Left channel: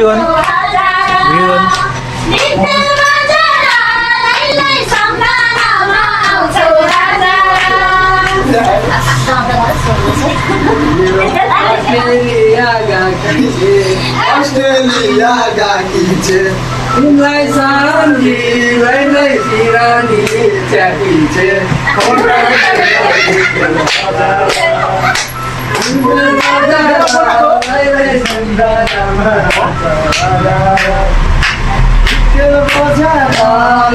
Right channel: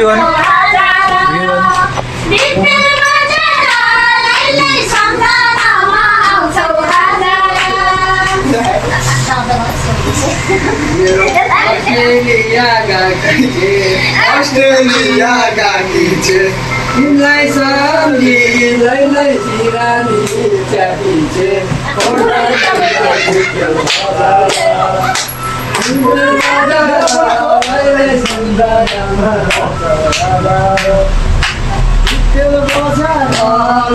Yun. Australia gaki ce Inlai samji lai lai firani chati ce Kota lai lai sandara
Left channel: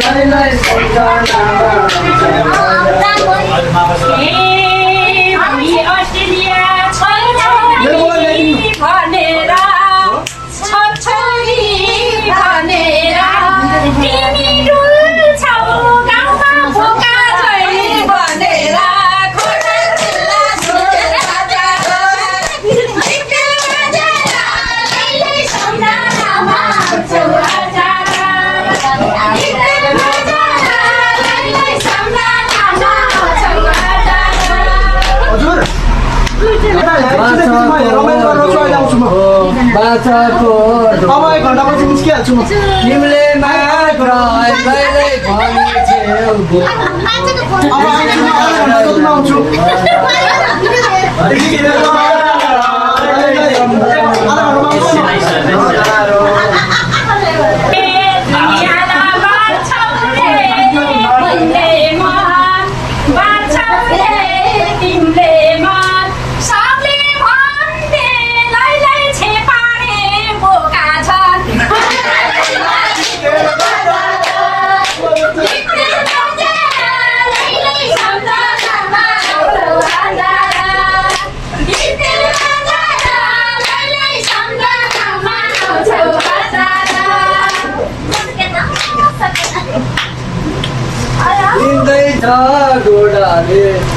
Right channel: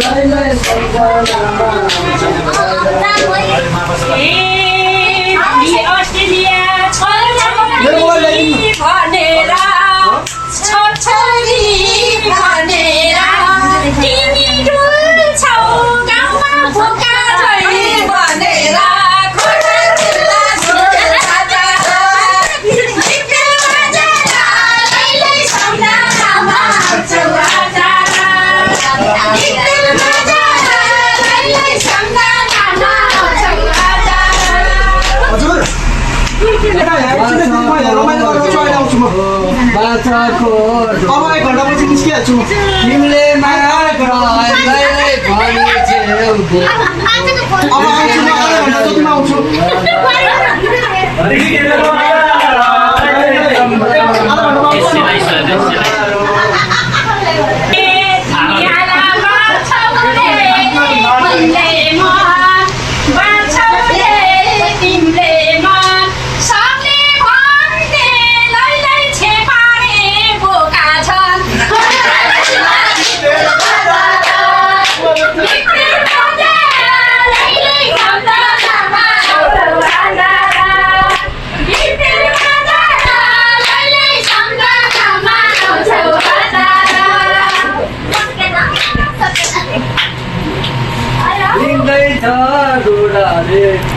lai lai sandara Australia छोरी भनेर छोरी भनेर तिमी डुल्छौ गाउँमा भोका झै भनेर खोटा जिल्ला बाचाको अब 1 घण्टापछि निस्किहाल्छु तिमीले मात्र अहिले भनिछेउ अब आउँछु म आधा घण्टा जतिमा आउँछु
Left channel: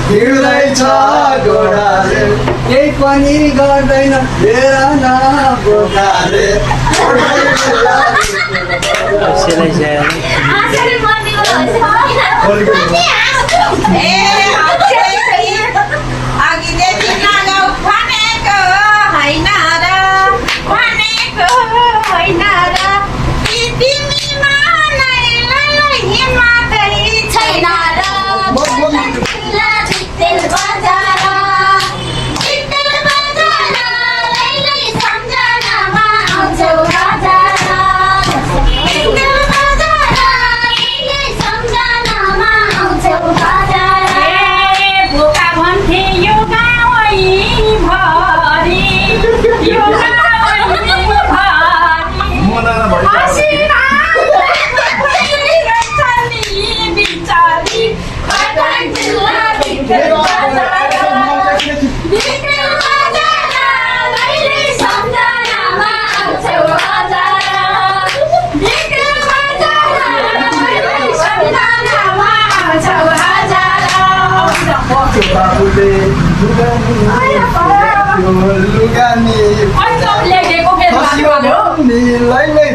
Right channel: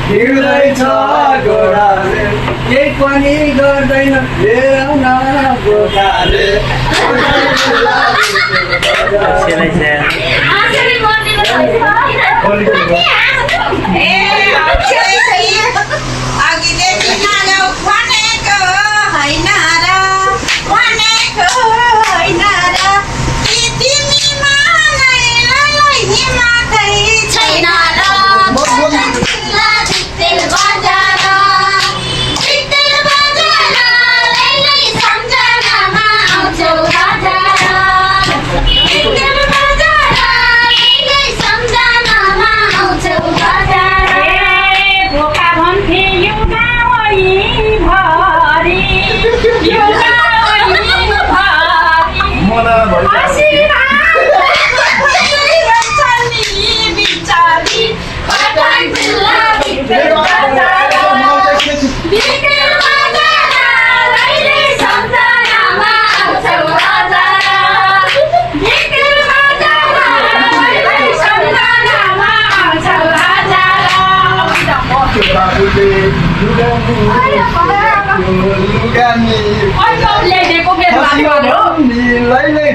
हिँड्दैछ घोडाले केही पनि गर्दैन हेर न बोकाले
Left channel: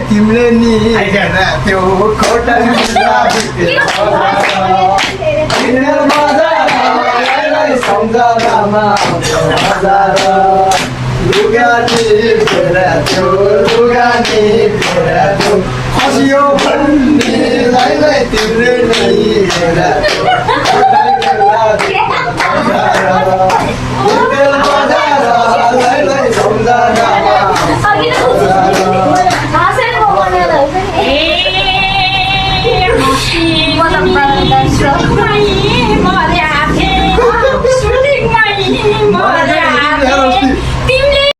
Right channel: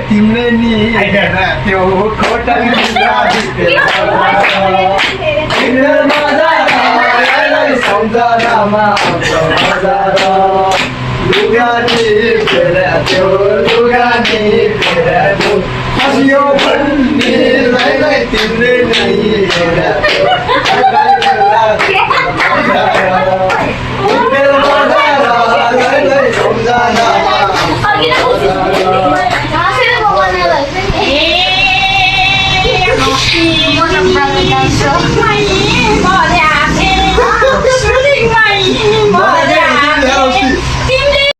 तिमीले नि त्यो खोटा सम्झनामा लुगानी त्यो लुगानी हँसियो भन्नेलाई तिमीले नै